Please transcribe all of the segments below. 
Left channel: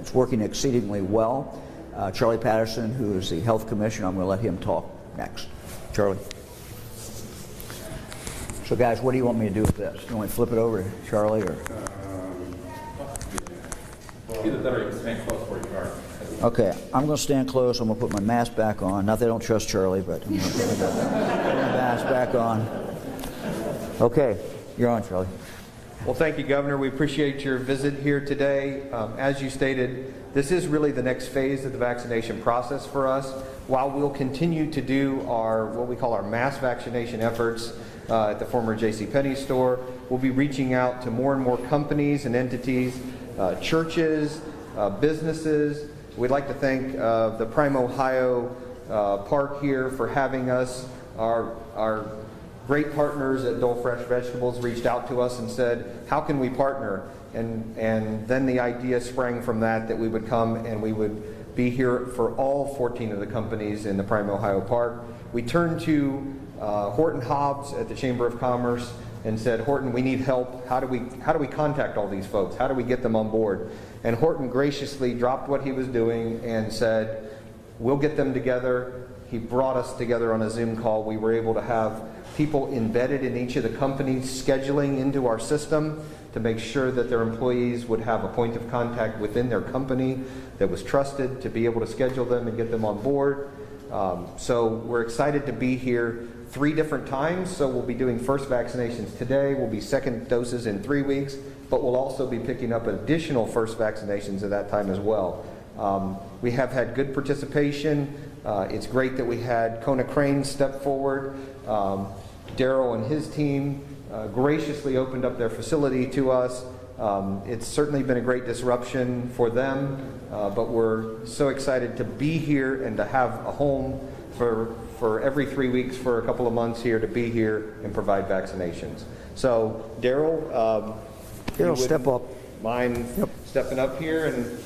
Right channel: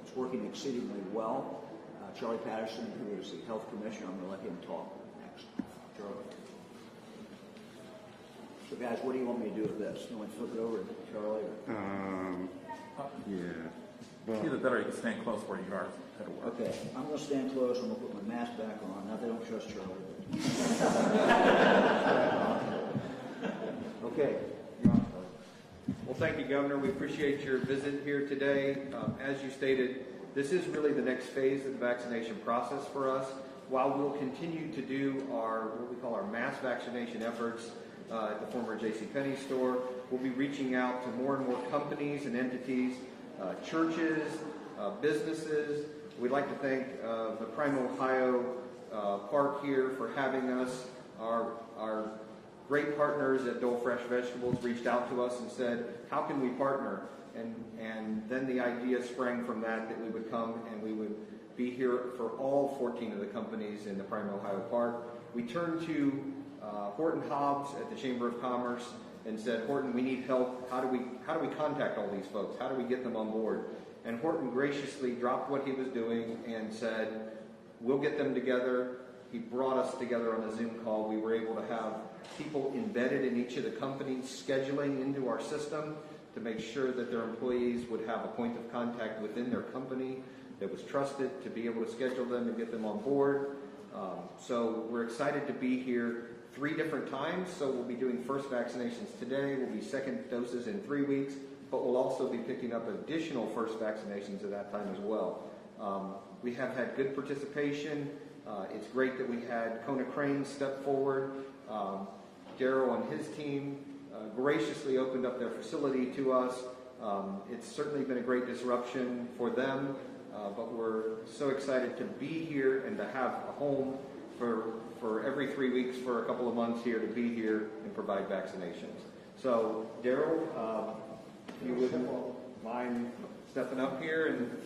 It's working exceedingly well. Charlie Patterson, who is the Health Commissioner, I'm going to let him talk next. Charlie. So guys, what do you want me to do with this? You want me to flip it over to Charlie, or? Either that or you can stand close where you are. Okay, I'm going to stand close. I'm going to put my mask back on. Not that I don't trust Charlie, but I'm going to put my mask back on. Okay, you're on, Charlie. Well, thank you, Governor. We appreciate your visit here today. As you stated, this is really the next phase of the vaccination process for us. While we'll continue to do our what we call our mass vaccination efforts at the former JCPenney store, we'll be reaching out to more and more companies and entities, churches, businesses. We'd like to thank the Prime Ohio Park here for having us. Our great partners at Dole Fresh Vegetables reached out to us and said, how can we partner? And then the idea sprang from that we would come and we would be here for all 14 of the companies in the Prime Ohio Park. We turned to Horton Hobbs at the Chamber of Commerce and said, Horton, we need help. How do we contact all these folks? How do we get them on board? And Horton graciously dropped what he was doing and said, we'll get them together. He brought us together on a Zoom call. We were able to have people embedded in each of the companies scheduling into our system to make sure that their employees would have a point of contact within their company that was trusted to be able to schedule them and get them on board. So we're excited to be here 3 different times. So we'll be doing first vaccinations today. We'll be second doses in 3 weeks, but we'll also be picking up additional first vaccinations at that time as well. We have had good participation. It's great that we had Kona Crane step forward. Daryl and his team graciously opened up their facility to us. It's certainly been a great disruption for them, but we're so excited to be here and to have a home for every 3 weeks for a couple of months here to be here and provide vaccinations. So Daryl, Step up. Mind stepping up here and.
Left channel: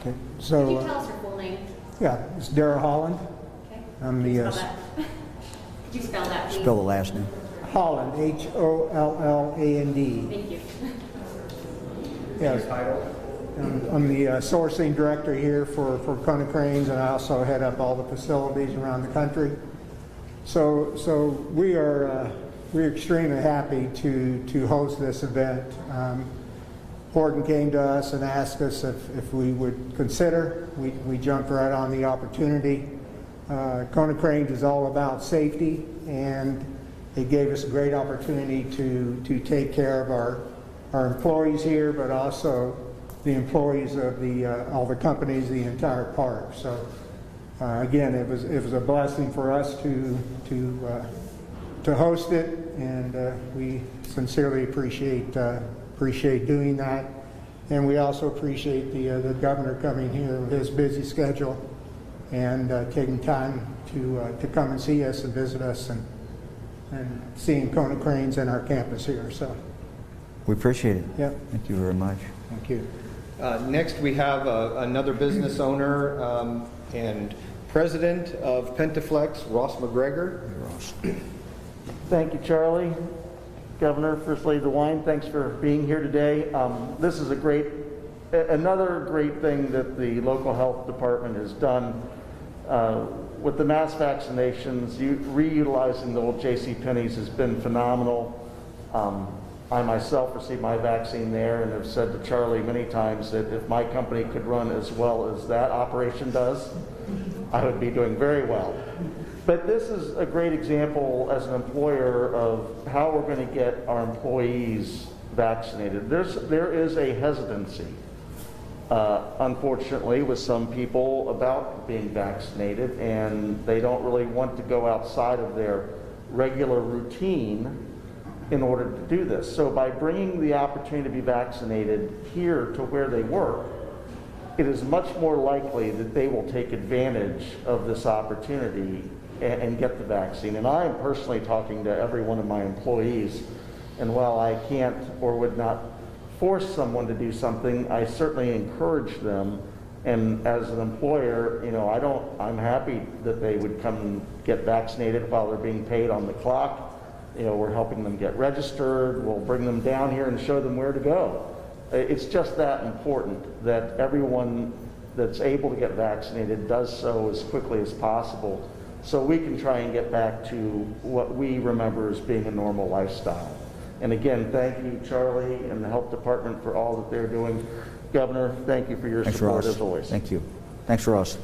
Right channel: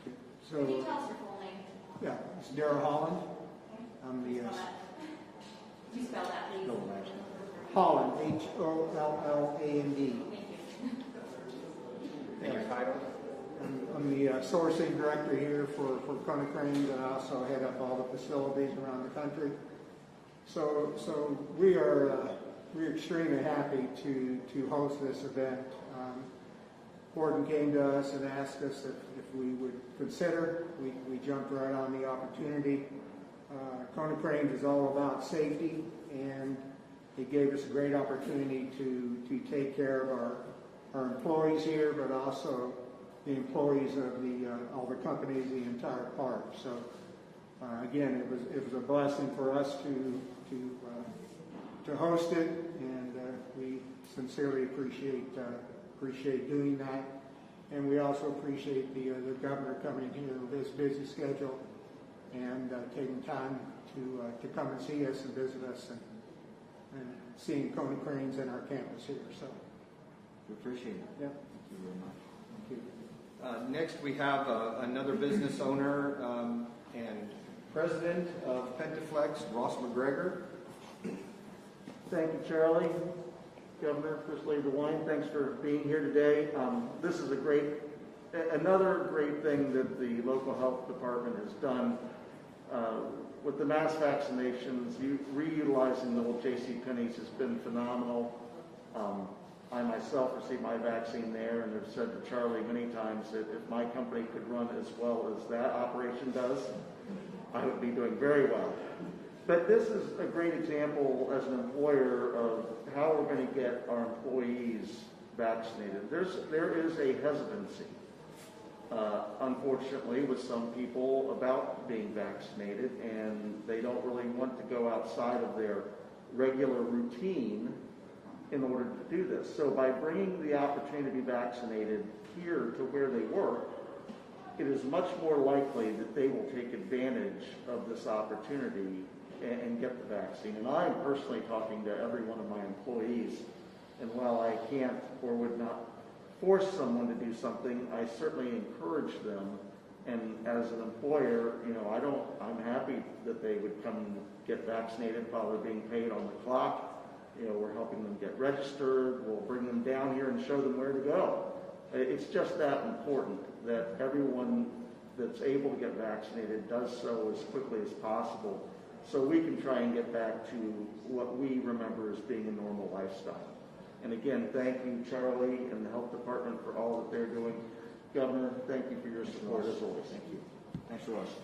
Okay. So, Can you tell us your full name? yeah, it's Daryl Holland. Okay. I'm Could you the spell that? Could you spell that, please? Spell the last name. Holland, Holland. Thank you. Yes, Title. I'm the sourcing director here for Kona Cranes, and I also head up all the facilities around the country. So we're extremely happy to host this event. Horton came to us and asked us if we would consider. We jumped right on the opportunity. Kona Cranes is all about safety, and it gave us a great opportunity to take care of our employees here, but also the employees of all the companies, the entire park. So again, it was a blessing for us to host it, and we sincerely appreciate doing that. And we also appreciate the governor coming here with his busy schedule and taking time to come and see us and visit us and seeing Kona Cranes and our campus here. So We appreciate it. Yep. Thank you very much. Thank you. Next, we have another business owner and president of Pentaflex, Ross McGregor. Ross. Thank you, Charlie. Governor, First Lady DeWine, thanks for being here today. This is another great thing that the local health department has done with the mass vaccinations. Reutilizing the old JCPenney's has been phenomenal. I myself received my vaccine there and have said to Charlie many times that if my company could run as well as that operation does, I would be doing very well. But this is a great example as an employer of how we're going to get our employees vaccinated. There is a hesitancy, unfortunately, with some people about being vaccinated, and they don't really want to go outside of their regular routine in order to do this. So by bringing the opportunity to be vaccinated here to where they work, it is much more likely that they will take advantage of this opportunity and get the vaccine. And I am personally talking to every one of my employees, and while I can't or would not force someone to do something, I certainly encourage them. And as an employer, I'm happy that they would come and get vaccinated while they're being paid on the clock. We're helping them get registered. We'll bring them down here and show them where to go. It's just that important that everyone that's able to get vaccinated does so as quickly as possible, so we can try and get back to what we remember as being a normal lifestyle. And again, thank you, Charlie, and the health department for all that they're doing. Governor, thank you for your Thanks, support Ross. as always. Thank you. Thanks, Ross.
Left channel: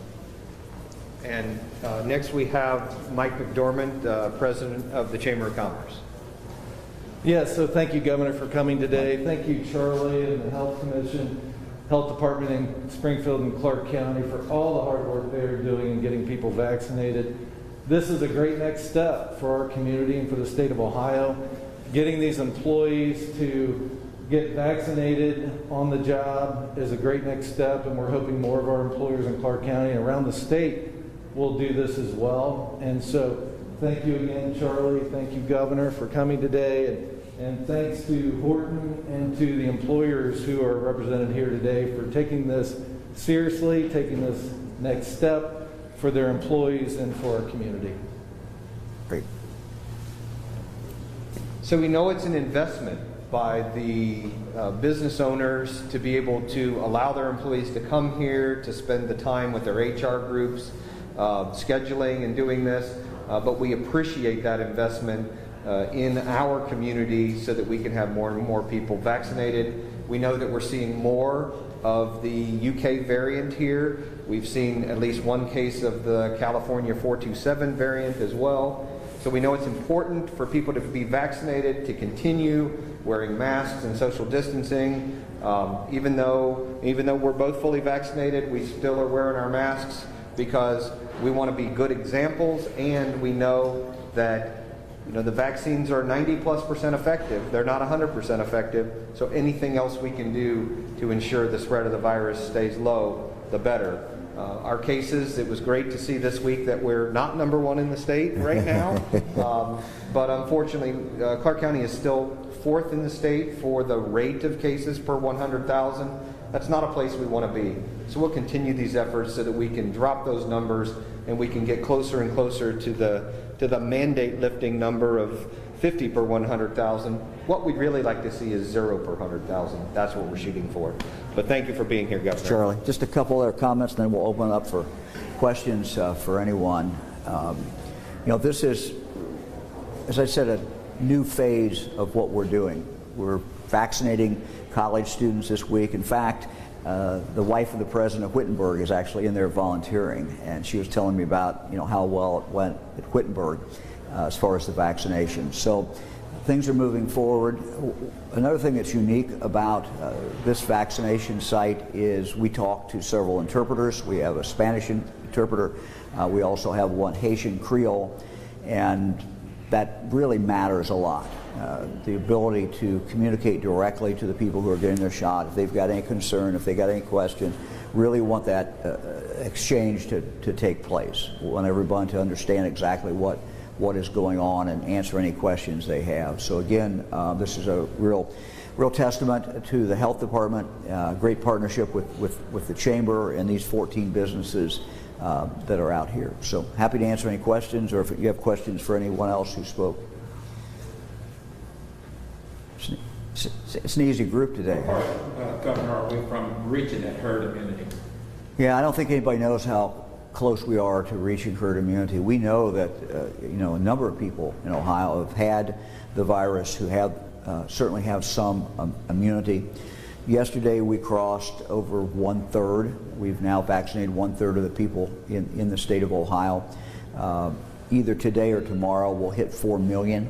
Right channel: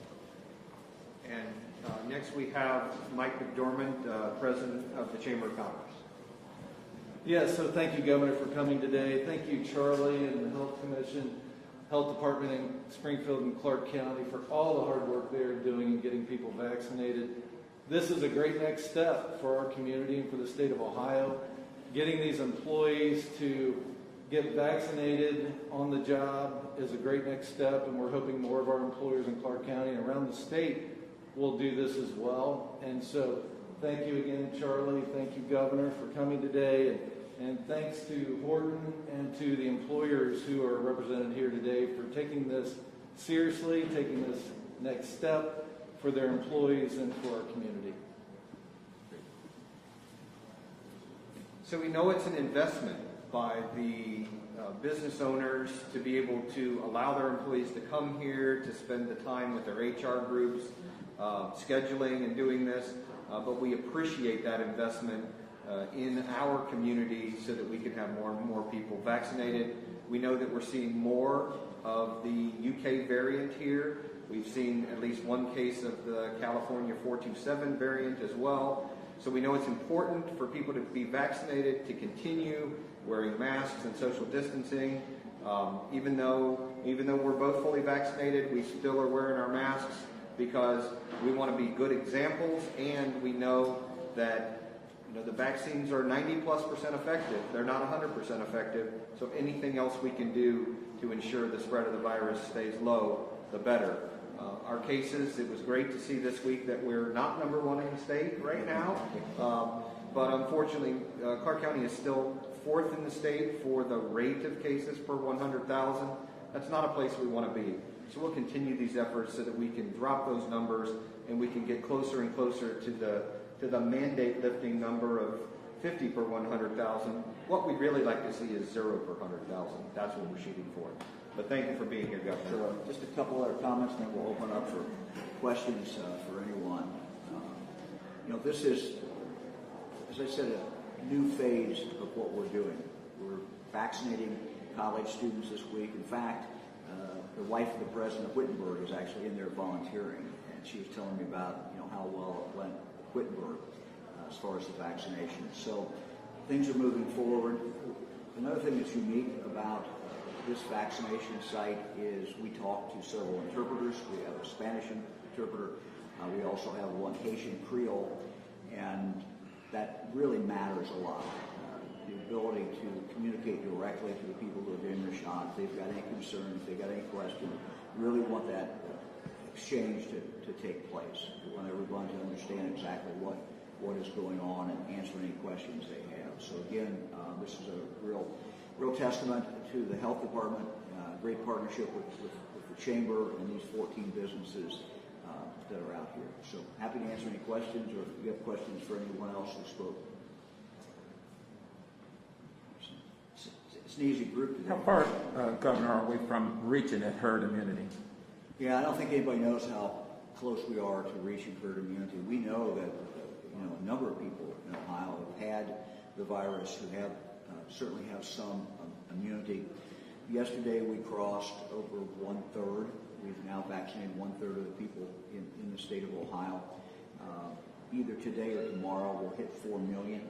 And next we have Mike McDormand, President of the Chamber of Commerce. Yes, so thank you, Governor, for coming today. Thank you, Charlie and the Health Commission, Health Department in Springfield and Clark County for all the hard work they are doing in getting people vaccinated. This is a great next step for our community and for the state of Ohio. Getting these employees to get vaccinated on the job is a great next step, and we're hoping more of our employers in Clark County and around the state will do this as well. And so thank you again, Charlie. Thank you, Governor, for coming today. And thanks to Horton and to the employers who are represented here today for taking this seriously, taking this next step for their employees and for our community. Great. So we know it's an investment by the business owners to be able to allow their employees to come here, to spend the time with their HR groups, scheduling and doing this, but we appreciate that investment in our community so that we can have more and more people vaccinated. We know that we're seeing more of the UK variant here. We've seen at least one case of the California 427 variant as well. So we know it's important for people to be vaccinated, to continue wearing masks and social distancing. Even though we're both fully vaccinated, we still are wearing our masks because we want to be good examples, and we know that the vaccines are 90+% effective. They're not 100% effective. So anything else we can do to ensure the spread of the virus stays low, the better. Our cases, it was great to see this week that we're not #1 in the state right now. But unfortunately, Clark County is still 4th in the state for the rate of cases per 100,000. That's not a place we want to be. So we'll continue these efforts so that we can drop those numbers and we can get closer and closer to the mandate lifting number of 50 per 100,000. What we'd really like to see is 0 per 100,000. That's what we're shooting for. But thank you for being here, Governor. Charlie, just a couple other comments, and then we'll open it up for questions for anyone. This is, as I said, a new phase of what we're doing. We're vaccinating college students this week. In fact, the wife of the president of Wittenberg is actually in there volunteering, and she was telling me about how well it went at Wittenberg as far as the vaccination. So things are moving forward. Another thing that's unique about this vaccination site is we talk to several interpreters. We have a Spanish interpreter. We also have one Haitian Creole, and that really matters a lot. The ability to communicate directly to the people who are getting their shot, if they've got any concern, if they got any question, really want that exchange to take place. We want everyone to understand exactly what is going on and answer any questions they have. So again, this is a real testament to the health department, great partnership with the chamber and these 14 businesses that are out here. So happy to answer any questions, or if you have questions for anyone else who spoke. It's an easy group today. How far, Governor, are we from reaching that herd immunity? Yeah, I don't think anybody knows how close we are to reaching herd immunity. We know that a number of people in Ohio have had the virus who have certainly have some immunity. Yesterday we crossed over 1/3. We've now vaccinated 1/3 of the people in the state of Ohio. Either today or tomorrow we'll hit 4 million.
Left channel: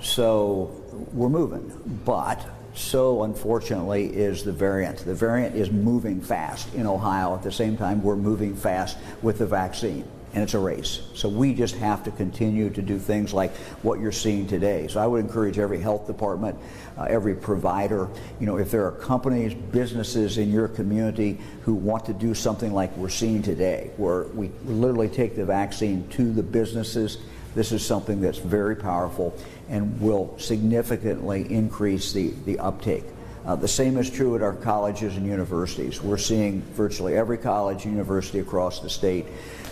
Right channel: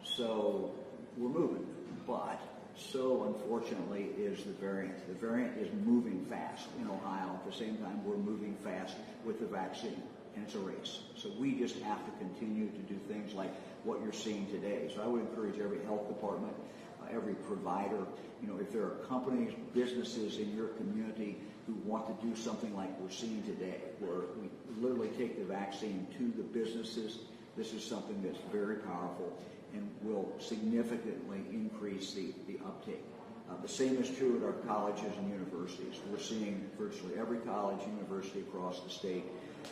So we're moving, but so unfortunately is the variant. The variant is moving fast in Ohio. At the same time, we're moving fast with the vaccine, and it's a race. So we just have to continue to do things like what you're seeing today. So I would encourage every health department, every provider, if there are companies, businesses in your community who want to do something like we're seeing today, where we literally take the vaccine to the businesses. This is something that's very powerful and will significantly increase the uptake The same is true at our colleges and universities. We're seeing virtually every college and university across the state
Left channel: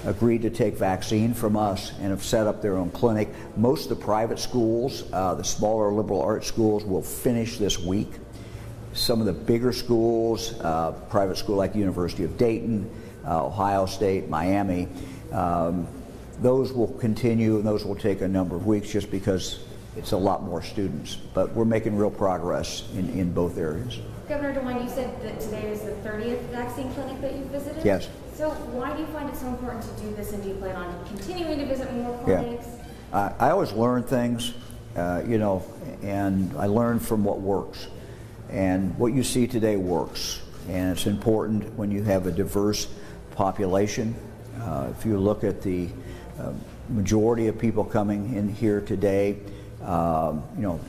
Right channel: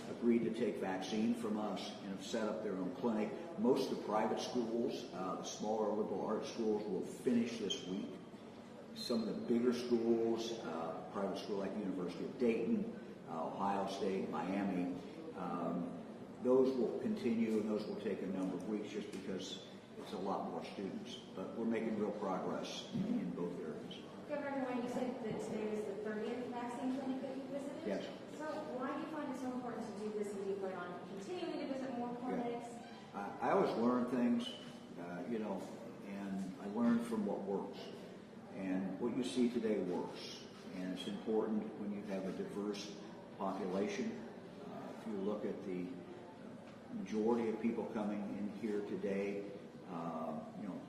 agreed to take vaccine from us and have set up their own clinic. Most of the private schools, the smaller liberal arts schools, will finish this week. Some of the bigger schools, private school like University of Dayton, Ohio State, Miami, those will continue, and those will take a number of weeks just because it's a lot more students. But we're making real progress in both areas. Governor DeWine, you said that today is the 30th vaccine clinic that you visited? Yes. So why do you find it so important to do this, and do you plan on continuing to visit more clinics? I always learn things, you know, and I learn from what works. And what you see today works. And it's important when you have a diverse population. If you look at the majority of people coming in here today, you know,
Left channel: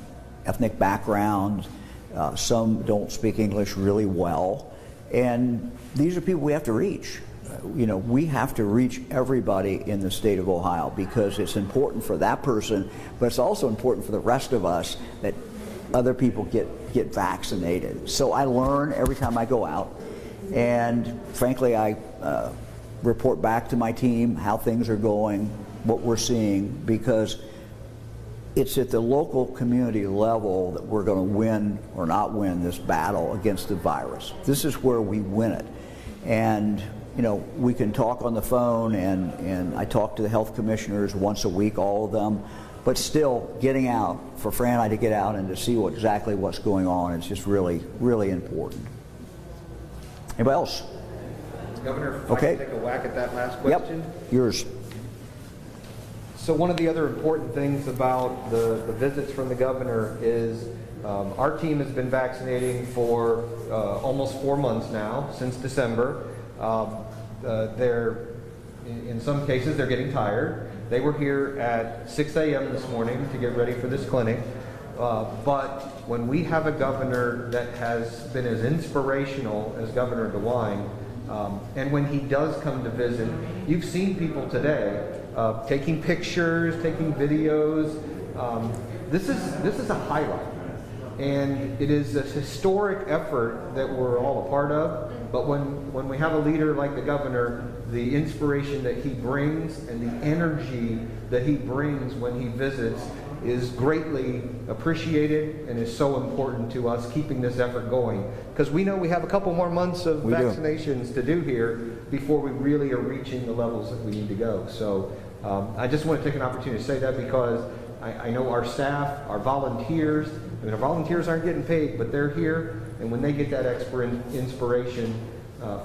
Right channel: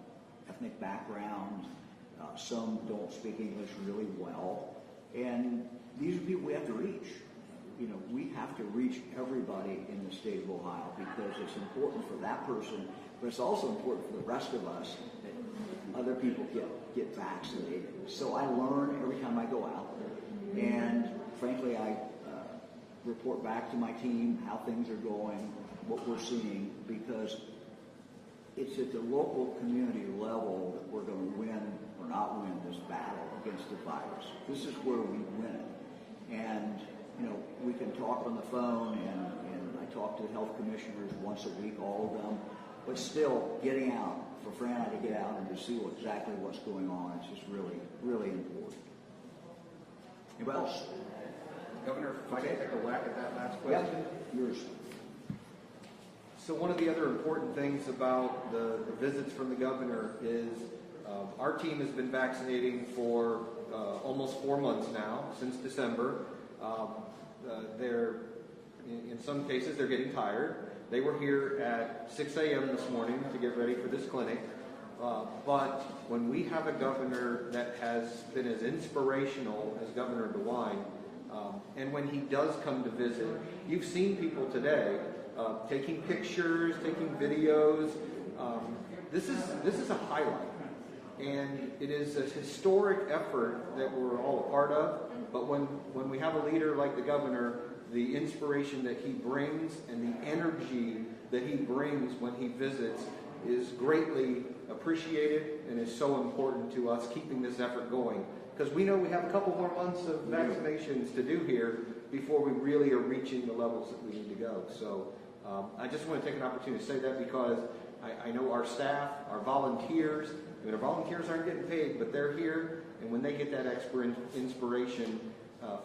ethnic background, some don't speak English really well, and these are people we have to reach. You know, we have to reach everybody in the state of Ohio because it's important for that person, but it's also important for the rest of us that other people get vaccinated. So I learn every time I go out, and frankly, I report back to my team how things are going, what we're seeing, because it's at the local community level that we're going to win or not win this battle against the virus. This is where we win it. And, you know, we can talk on the phone, and I talk to the health commissioners once a week, all of them, but still getting out, for Fran and I to get out and to see exactly what's going on is just really, really important. Anybody else? Governor, if Okay. I can take a whack at that last question? Yep, yours. So one of the other important things about the visits from the governor is our team has been vaccinating for almost 4 months now, since December. In some cases, they're getting tired. They were here at 6 a.m. this morning to get ready for this clinic. But when we have a governor that has been as inspirational as Governor DeWine, and when he does come to visit, you've seen people today taking pictures, taking videos. This is a highlight, and it is a historic effort that we're all a part of. But when we have a leader like the governor, the inspiration that he brings and the energy that he brings when he visits is greatly appreciated and is so important to us keeping this effort going. Because we know we have a couple more months of vaccinations to do here before we really are reaching the levels that we need to go. So I just want to take an opportunity to say that because I know our staff, our volunteers, I mean, our volunteers aren't getting paid, but they're here, and when they get that inspiration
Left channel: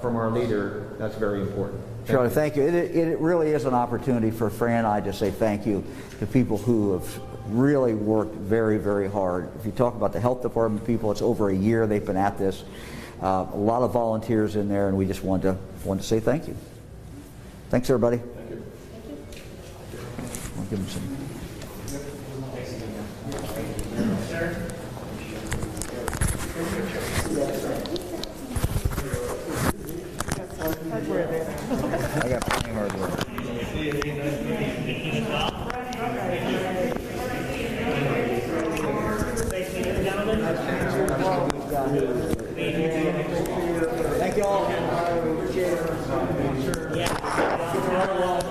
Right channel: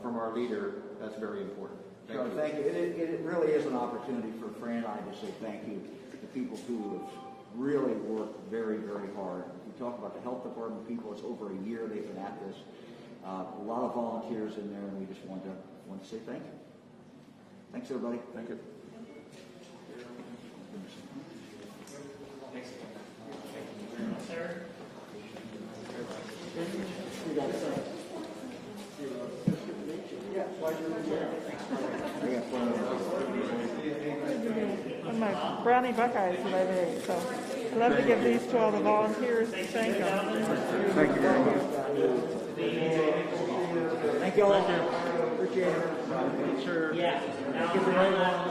from our leader, that's very important. Charlie, thank you. It really is an opportunity for Fran and I to say thank you to people who have really worked very, very hard. If you talk about the health department people, it's over a year they've been at this. A lot of volunteers in there, and we just want to say thank you. Thanks, everybody. Thank you. I'll give them some. I got plenty of hard work. Thank you all. Appreciate it. Sure. Get the right along.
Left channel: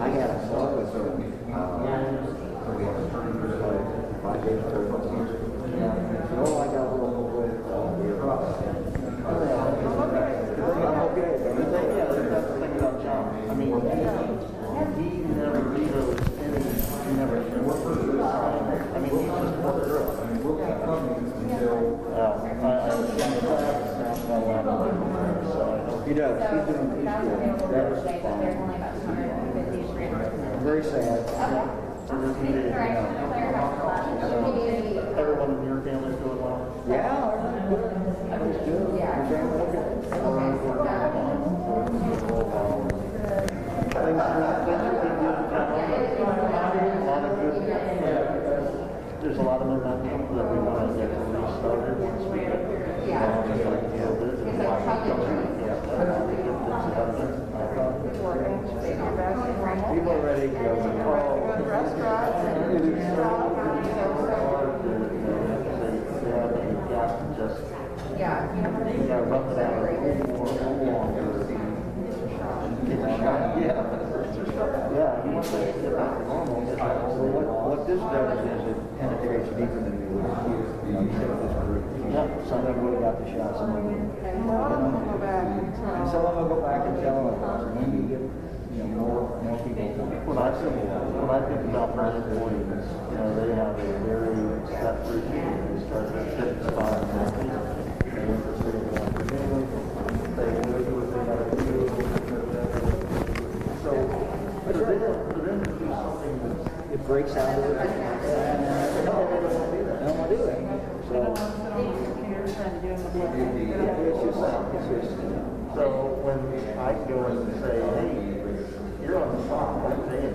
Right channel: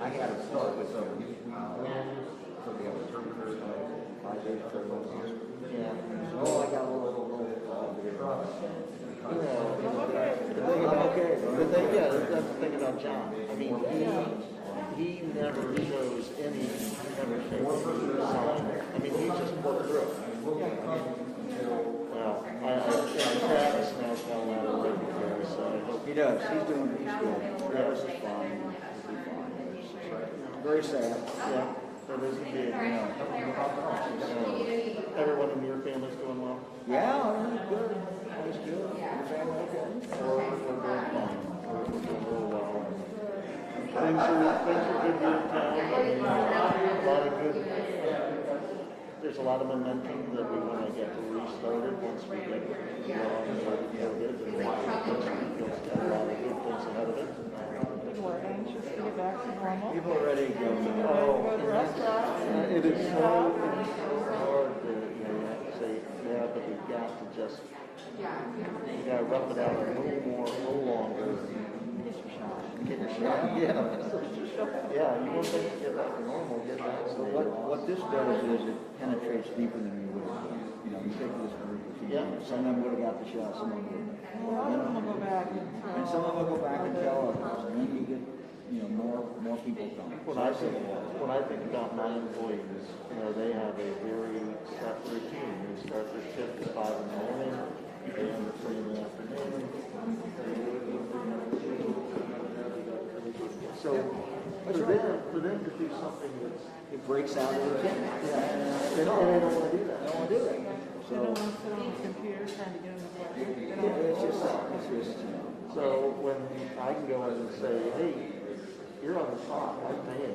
I had a call with her. So we had a 5 days quarantine. So I got a little bit of your Okay, the thing, yeah, that's the thing about John. I mean, he never vetoes any, he never worked with us. I mean, he just worked through it. I mean, we'll keep coming until, I practice now a lot of it. So He does. He's doing. He's good. They're only about 250 grams. very sad. Everyone in your family's doing well? Yeah. Everybody's good. Your family, okay? Thanks for being here. There's a lot of momentum that we want to get restarted once we get people are ready to go. It is so hard to just rough it out a little longer. Yeah, you want to get back to normal. What this does is it penetrates deeper than we would here. You know, take this group. Yeah, some of them would have got the shot, some of them. And some of them will go back and tell others. And then you get, more people. When I think about my employees, they have a very set routine. They start their shift at 5 o'clock. They work through the afternoon. They do what they got to do. So for them to do something that it breaks out of it, they don't want to do it. So it's just so when I go in and say, hey, you're on the spot, okay,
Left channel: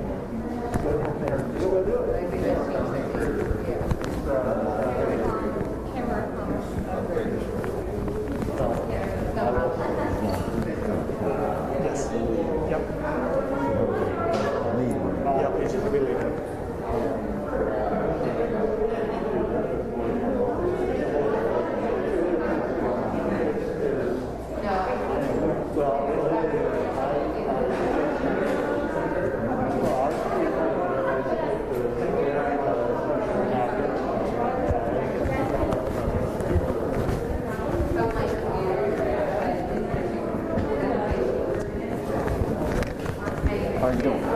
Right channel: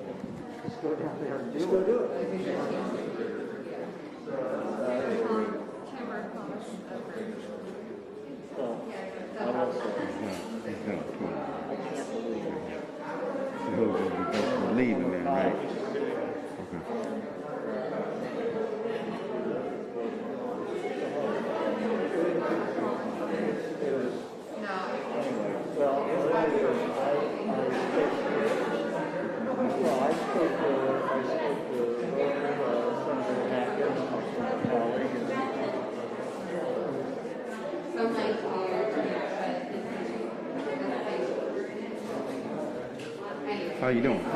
just go there and do it. How you doing?